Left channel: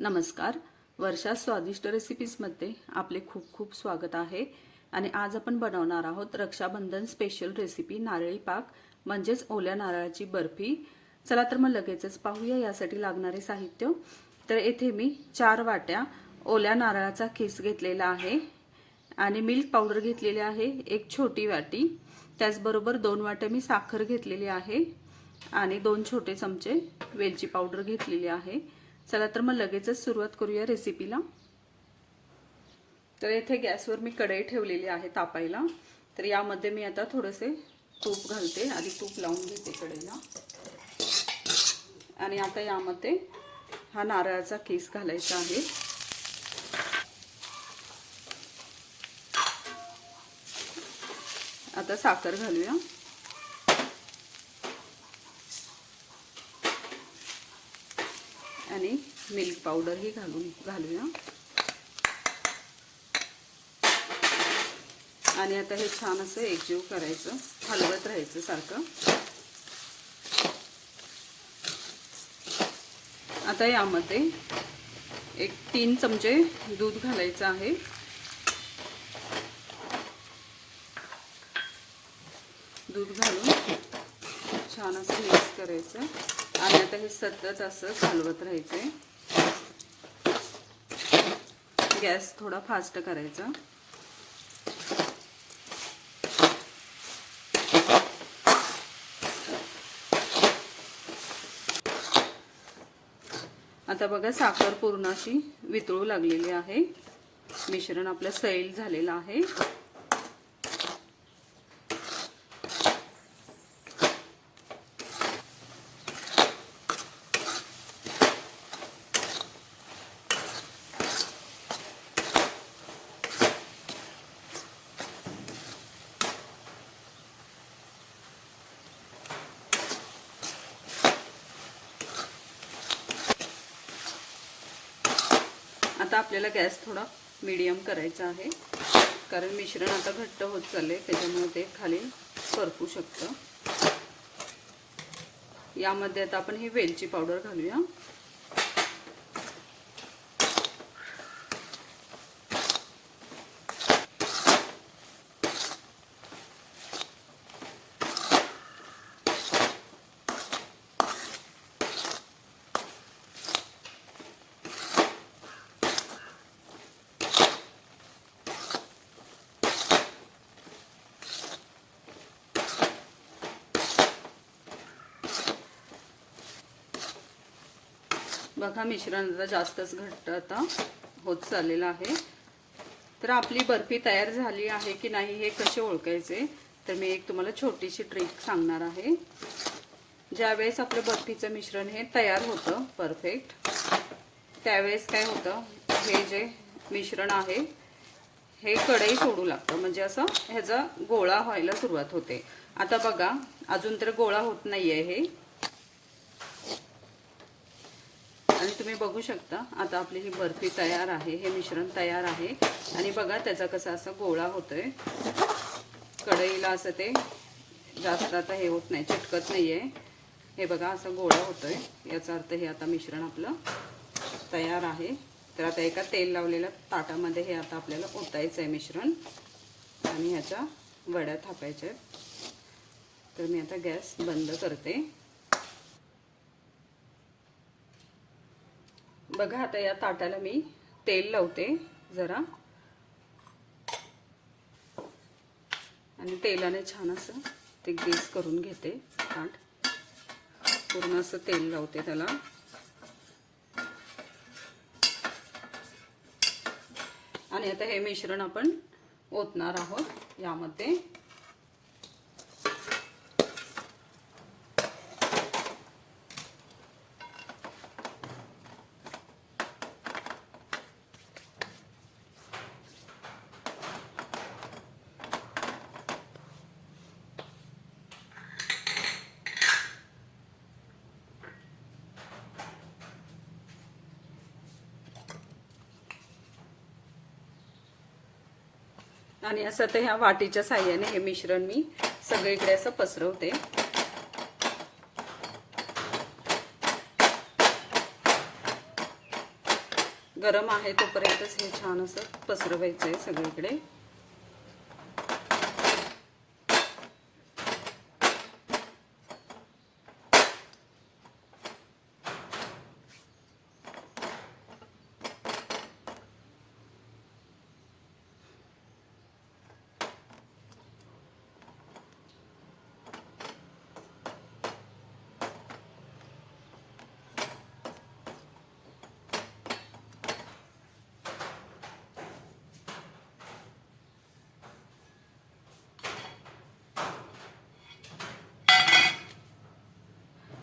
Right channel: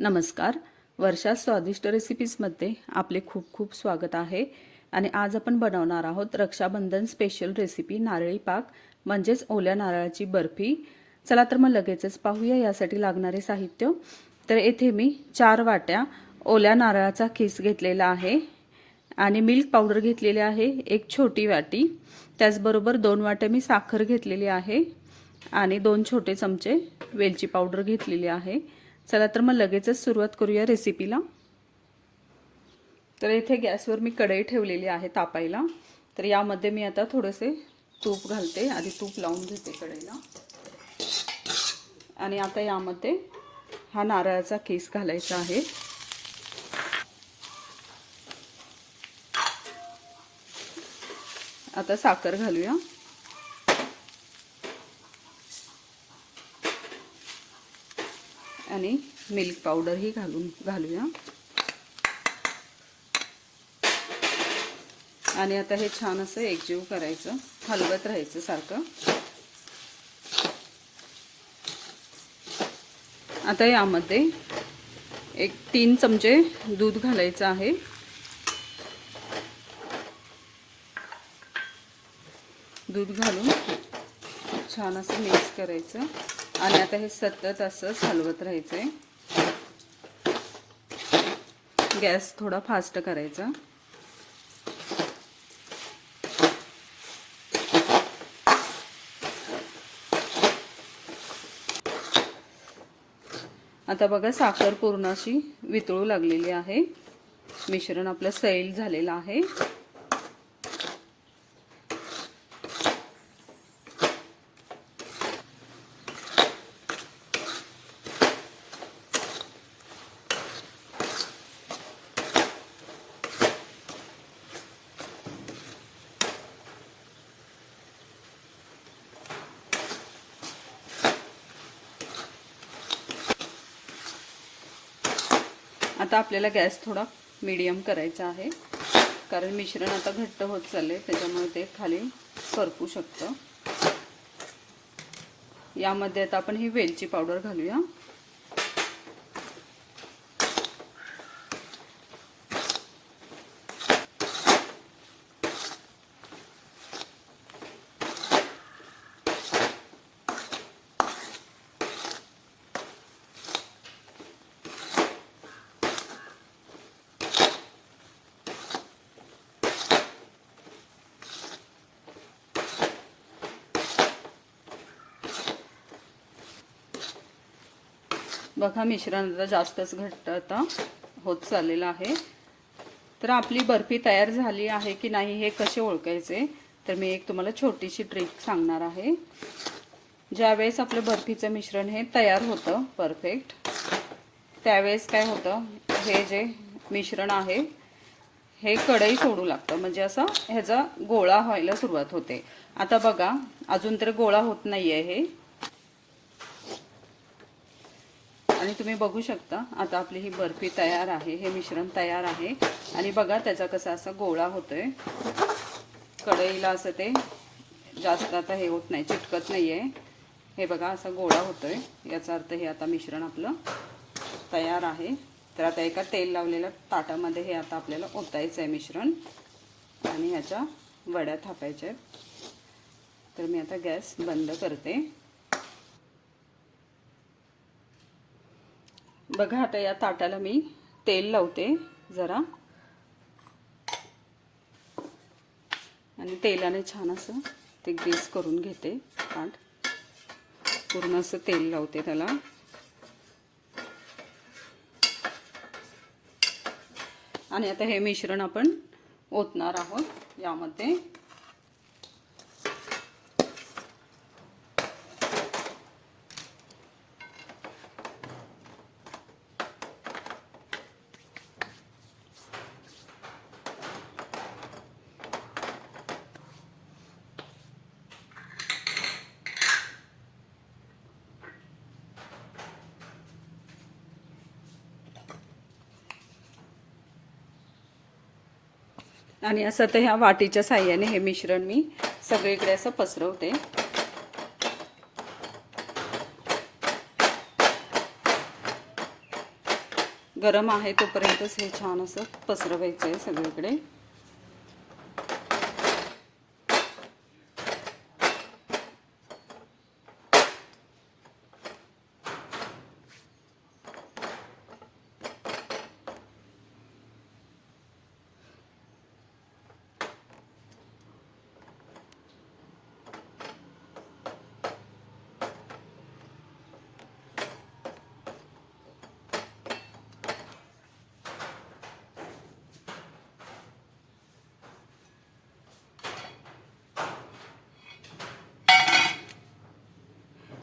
नमस्कार. वर्षा स्वादिष्ट रेसिपीजमध्ये आपले खूप खूप स्वागत आहे. आणि आज आपण बनवणार आहोत रक्षाबंधन स्पेशल रेसिपी नारळी पाक म्हणजेच ओल्या नारळाची बर्फी. चला तर मग लगेचच पाहूया यासाठी लागणारे साहित्य. तर येथे मी 4 वाट्या ओल्या नारळाचा किस घेतलेला आहे आणि मिल्क पावडर घेतलेली आहे 1 छोटी वाटी. त्याचबरोबर 2 वाट्या मी साखर घेतलेली आहे आणि 2 छोटे चमचे वेलची पावडर घेतलेली आहे. चला तर मग लगेचच सुरुवात करूया रेसिपीला. तर इथे गॅसवर मी कढई ठेवलेली आहे तापायला. तर यामध्ये मी आता थोडेसे तूप घालते. आधी तूप लावून घेते कढईला आणि आता यामध्ये हा नारळाचा किस घालायचा आहे. आता साखर घालूया आणि मिल्क पावडर ही घालूया आणि आता हे छान असं एकजीव करायचं, हलवत राहायचं सारखं. आता यामध्ये 3 चमचे दूध घालायचं आहे. दूध घालून छान असं मिक्स करायचं आणि आता हे सतत असं हलवत राहायचंय. गॅस थोडा फास्ट करायचा. आता बघा साखर पूर्ण अशी वितळू लागलेली आहे. मिश्रण आपलं सैल झालेलं आहे. आता आपल्याला गॅस थोडा मीडियम करायचा आहे, कारण मिश्रण आता घट्ट होत चालले, त्याच्यामुळे ते खाली करपू शकतं. यामध्ये आता आपण ही वेलची पावडर घालूया. बघा मिश्रण आता जास्तच घट्ट आता होत चाललेलं आहे. तर आपली बर्फी तयार झाली आहे की नाही हे कसे ओळखायचे, तर मी एक तुम्हाला छोटीशी ट्रिक सांगणार आहे. ज्यावेळेस आपलं बर्फीचं मिश्रण हे तयार होतं परफेक्ट, त्यावेळेस काय होतं, हे जे मिश्रण आहे हे कढई सोडू लागतं, म्हणजे असं ह्याचा गोळा व्हायला सुरुवात होते. आता बघा अजून तर गोळा होत नाहीये हे, आणि तुम्ही बघू शकता आता आपली ही बर्फी तयार आहे, हे मिश्रण तयार आहे. आणि बघा त्याचा कसा असा गोळा होतोय. कढईला असं ते जास्त आता हे होत नाही, चिटकत नाहीये. हे बघा असा गोळा होतोय, याचा अर्थ हे आता मिश्रण आपलं तयार आहे. तर आता एका तेल लावलेल्या ताटामध्ये हे आता आपल्याला ओतायचं आहे मिश्रण आणि ह्याच्या वड्या थापायच्या आहेत. तर मी आता गॅस बंद करते. बघा आता या ताटाला मी तेल लावते जरा, आणि तेलाने छान असं ते ग्रीस करून घेते. ताट पूर्ण असं तेल लावते त्याला. आणि आता हे मिश्रण आपण ओतणार आहोत यामध्ये. आणि असं ते ह्या वाटीच्या साहाय्याने हे मिश्रण मी सगळीकडे असं पसरवते. गरम आहे तोपर्यंतच हे छान असं पसरवायचं आहे सगळीकडे.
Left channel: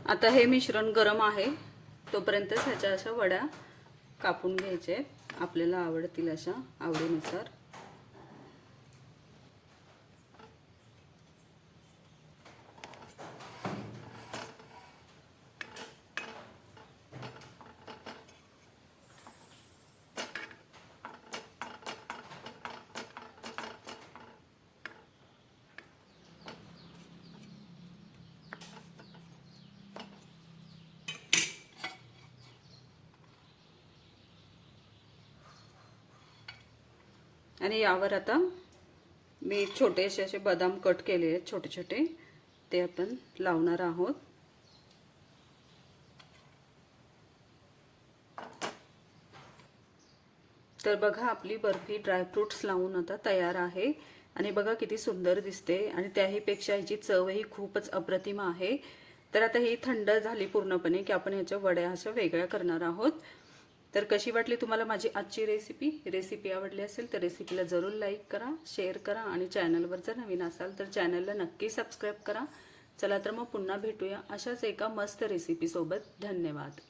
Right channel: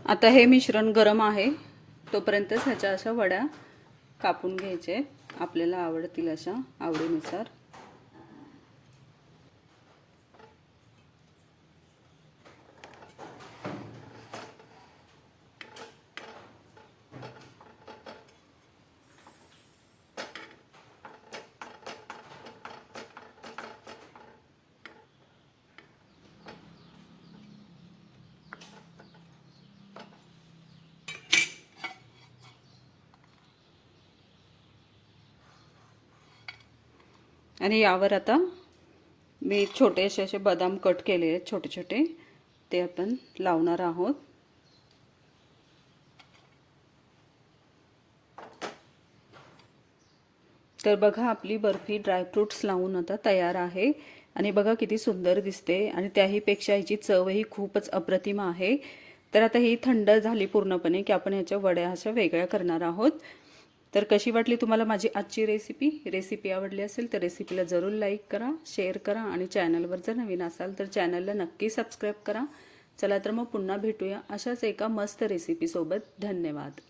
आता हे मिश्रण गरम आहे तोपर्यंतच ह्याच्या अशा वड्या कापून घ्यायचे आपल्याला आवडतील अशा आवडीनुसार. आणि यावर आता मी छोटेसे असे बदाम कट केले आहेत छोटे छोटे, ते आपण लावणार आहोत. तर बघा आपली बर्फी ड्रायफ्रूट्स लावून आता तयार आहे. आणि बघा किती सुंदर दिसते आणि त्याहीपेक्षा ह्याची चवही खूपच अप्रतिम आहे. तर आता ही थंड झाली पूर्णपणे की आपण ह्याच्या वड्या अशा वेगळ्या करणार आहोत. तर कशी वाटली तुम्हाला माझी आजची रेसिपी आवडली असेल तर रेसिपीला जरूर लाईक करा, शेअर करा आणि चॅनलवर जर नवीन असाल तर चॅनलला नक्की सबस्क्राईब करा. चला तर मग पुन्हा भेटूया अशाच एका मस्त रेसिपीसोबत. धन्यवाद.